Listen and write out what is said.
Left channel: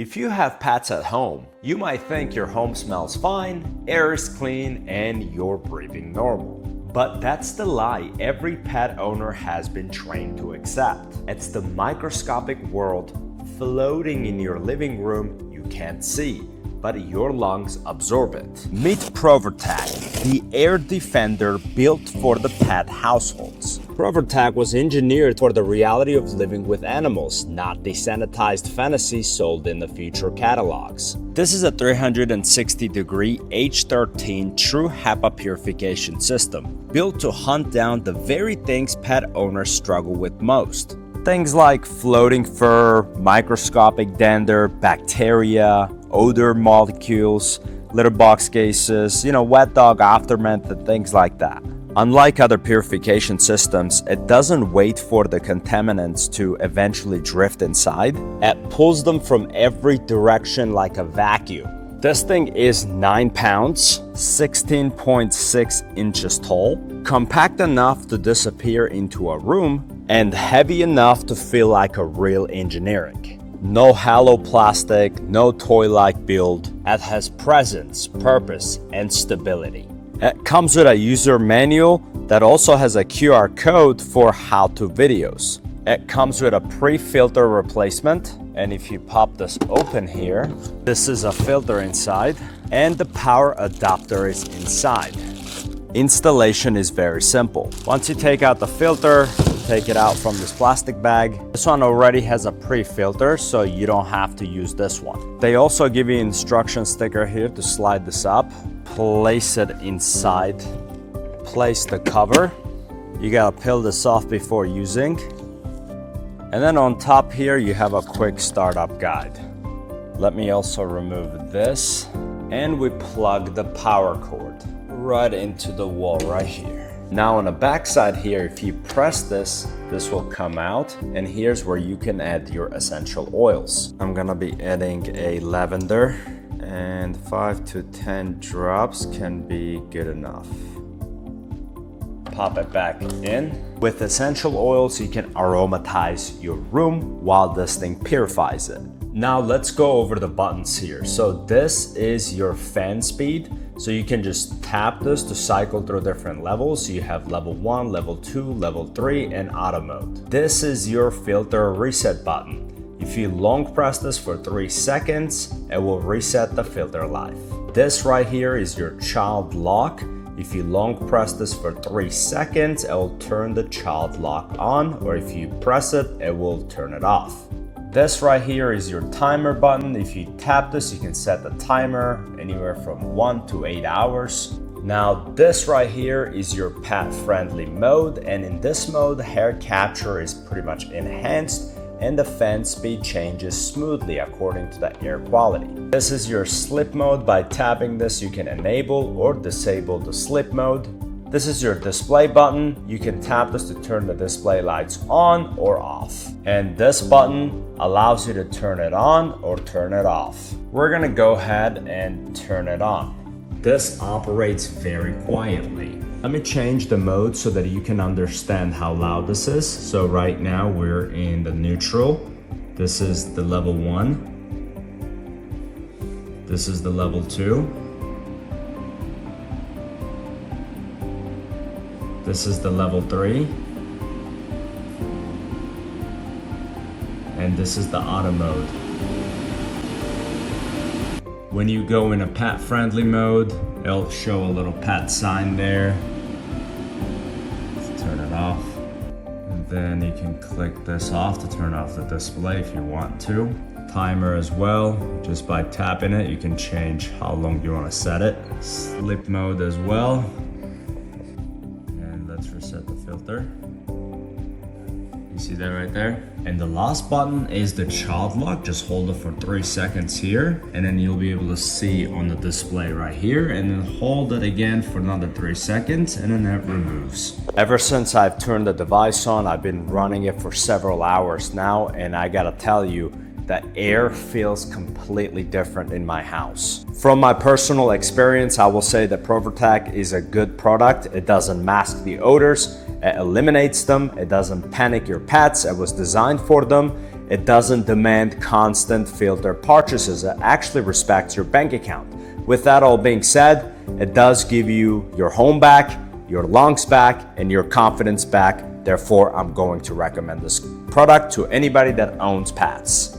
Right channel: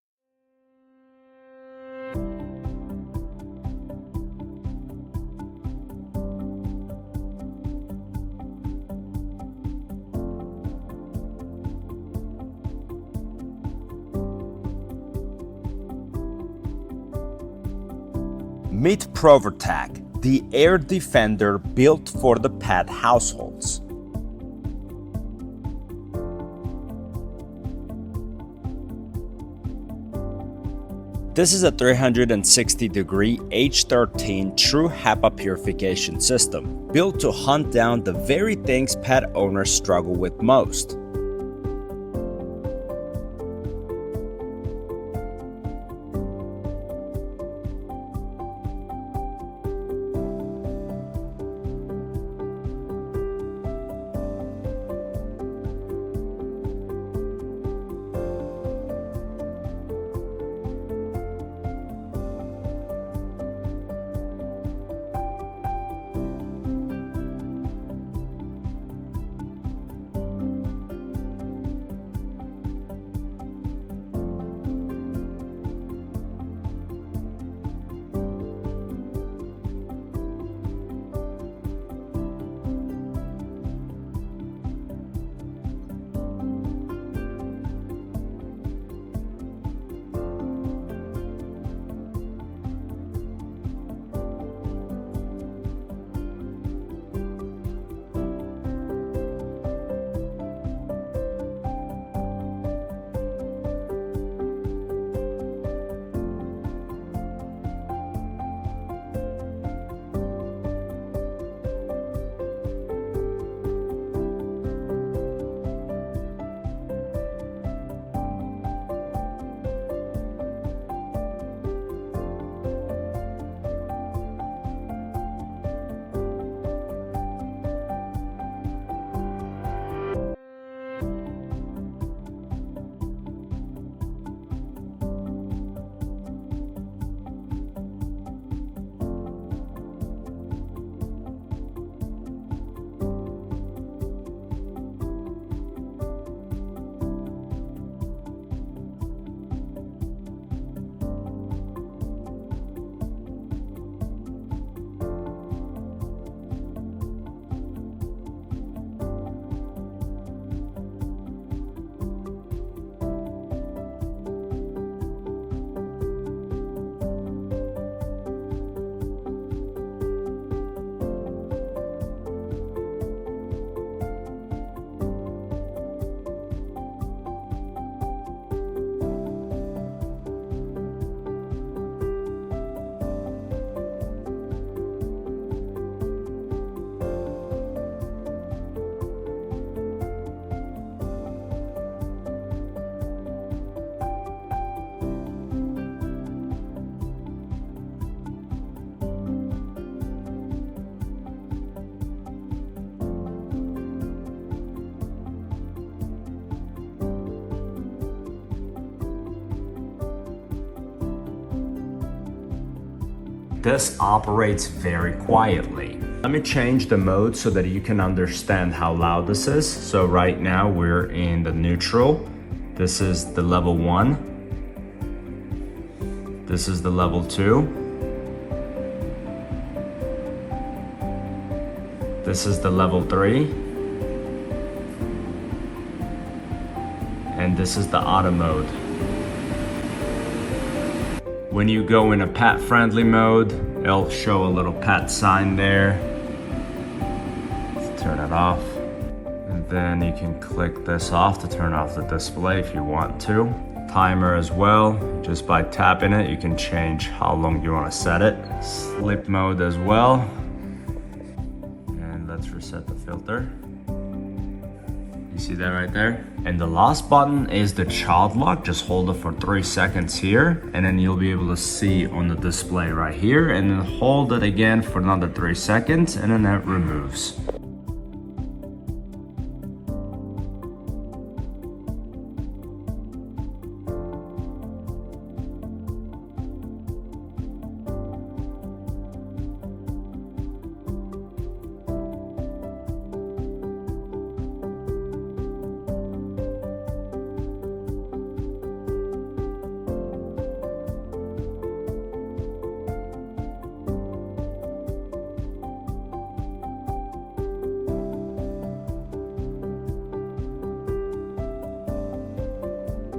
If you have pets at home, you might think your home smells fine, air is clean, and you're breathing normal. But that's the lie every pet owner has been trained to accept. It's the microscopic world floating in your living room you can't see, but your lungs absorb it. Meet Provertac, the air defender built for the pet households. Provertac was engineered for the reality of living with animals, not the sanitized fantasy sold in the future catalogs. This is a 360-degree H13 true HEPA purification system, built to hunt down the very things pet owners struggle with most. Things like floating fur, microscopic dander, bacteria, odor molecules, litter box gases, wet dog aftermath and things like that. Unlike other purification systems, it doesn't wait for the contaminants to eventually drift inside. It pulls them from every direction like a vacuum. This thing is 9 pounds, 16.6 inches tall, compact enough to disappear into a room, and heavy enough to feel like a real engineering. No hollow plastic, no toy-like build. It has presence, purpose, and stability. It comes with a user manual that also has a QR code for how-to videos. It comes with a pre-filter replacement, and if you pop this open here, this is a filter inside, and the power adapter is inside. Installation is very simple. Once you take out the filter, take it out from this plastic bag. This one already has a pre-filter, so you don't have to use this one. They also give you an instruction sticker here to slide this up, place it inside, place the cover. You gotta peel this off before using. And then on top here, you have a quick startup guide. Let me also remove this, and we plug the power cord right into the wall right here. Now on the back side here, if you press this will come out, and here's where you can add your essential oils. I'm gonna be adding a lavender, and 5 to 10 drops can be good enough. Pop it back in. With essential oils, you can aromatize your room while this thing purifies it. Now let's go over the buttons here. So this is your fan speed. So you can just tap this to cycle through different levels. You have level 1, level 2, level 3, and auto mode. This is your filter reset button. If you long press this for 3 seconds, it will reset the filter life. This right here is your child lock. If you long press this for 3 seconds, it will turn the child lock on, or if you press it, it will turn it off. This right here is your timer button. If you tap this, you can set the timer anywhere from 1 to 8 hours. Now this right here is your pet-friendly mode, and in this mode, hair capture is pretty much enhanced and the fan speed changes smoothly according to the air quality. This is your sleep mode. By tapping this, you can enable or disable the sleep mode. This is your display button. You can tap this to turn the display lights on or off. And this button allows you to turn it on or turn it off. We're gonna go ahead and turn it on. This operates very quietly. Let me change the mode so that you can understand how loud this is. So right now we're in the neutral. This is the level 1. This is the level 2. This is the level 3. And this is the auto mode. When you go in a pet-friendly mode, it'll show a little pet sign there. Let's turn it off. And then you can click this off to turn off the display if you want to. Timer as well. Just by tapping it, you can change how long you want to set it. Sleep mode as well. Let's reset the filter. You see that right there? And the last button is the child lock. Just hold it for 3 seconds here, and then you'll be able to see on the display right here, and then hold it again for another 3 seconds, and then it removes. Ever since I've turned the device on, I've been running it for several hours now, and I gotta tell you, the air feels completely different in my house. From my personal experience, I will say that Provertac is a good product. It doesn't mask the odors, it eliminates them, it doesn't panic your pets, it was designed for them. It doesn't demand constant filter purchases, it actually respects your bank account. With that all being said, it does give you your home back, your lungs back, and your confidence back. Therefore, I'm going to recommend this product to anybody that owns pets.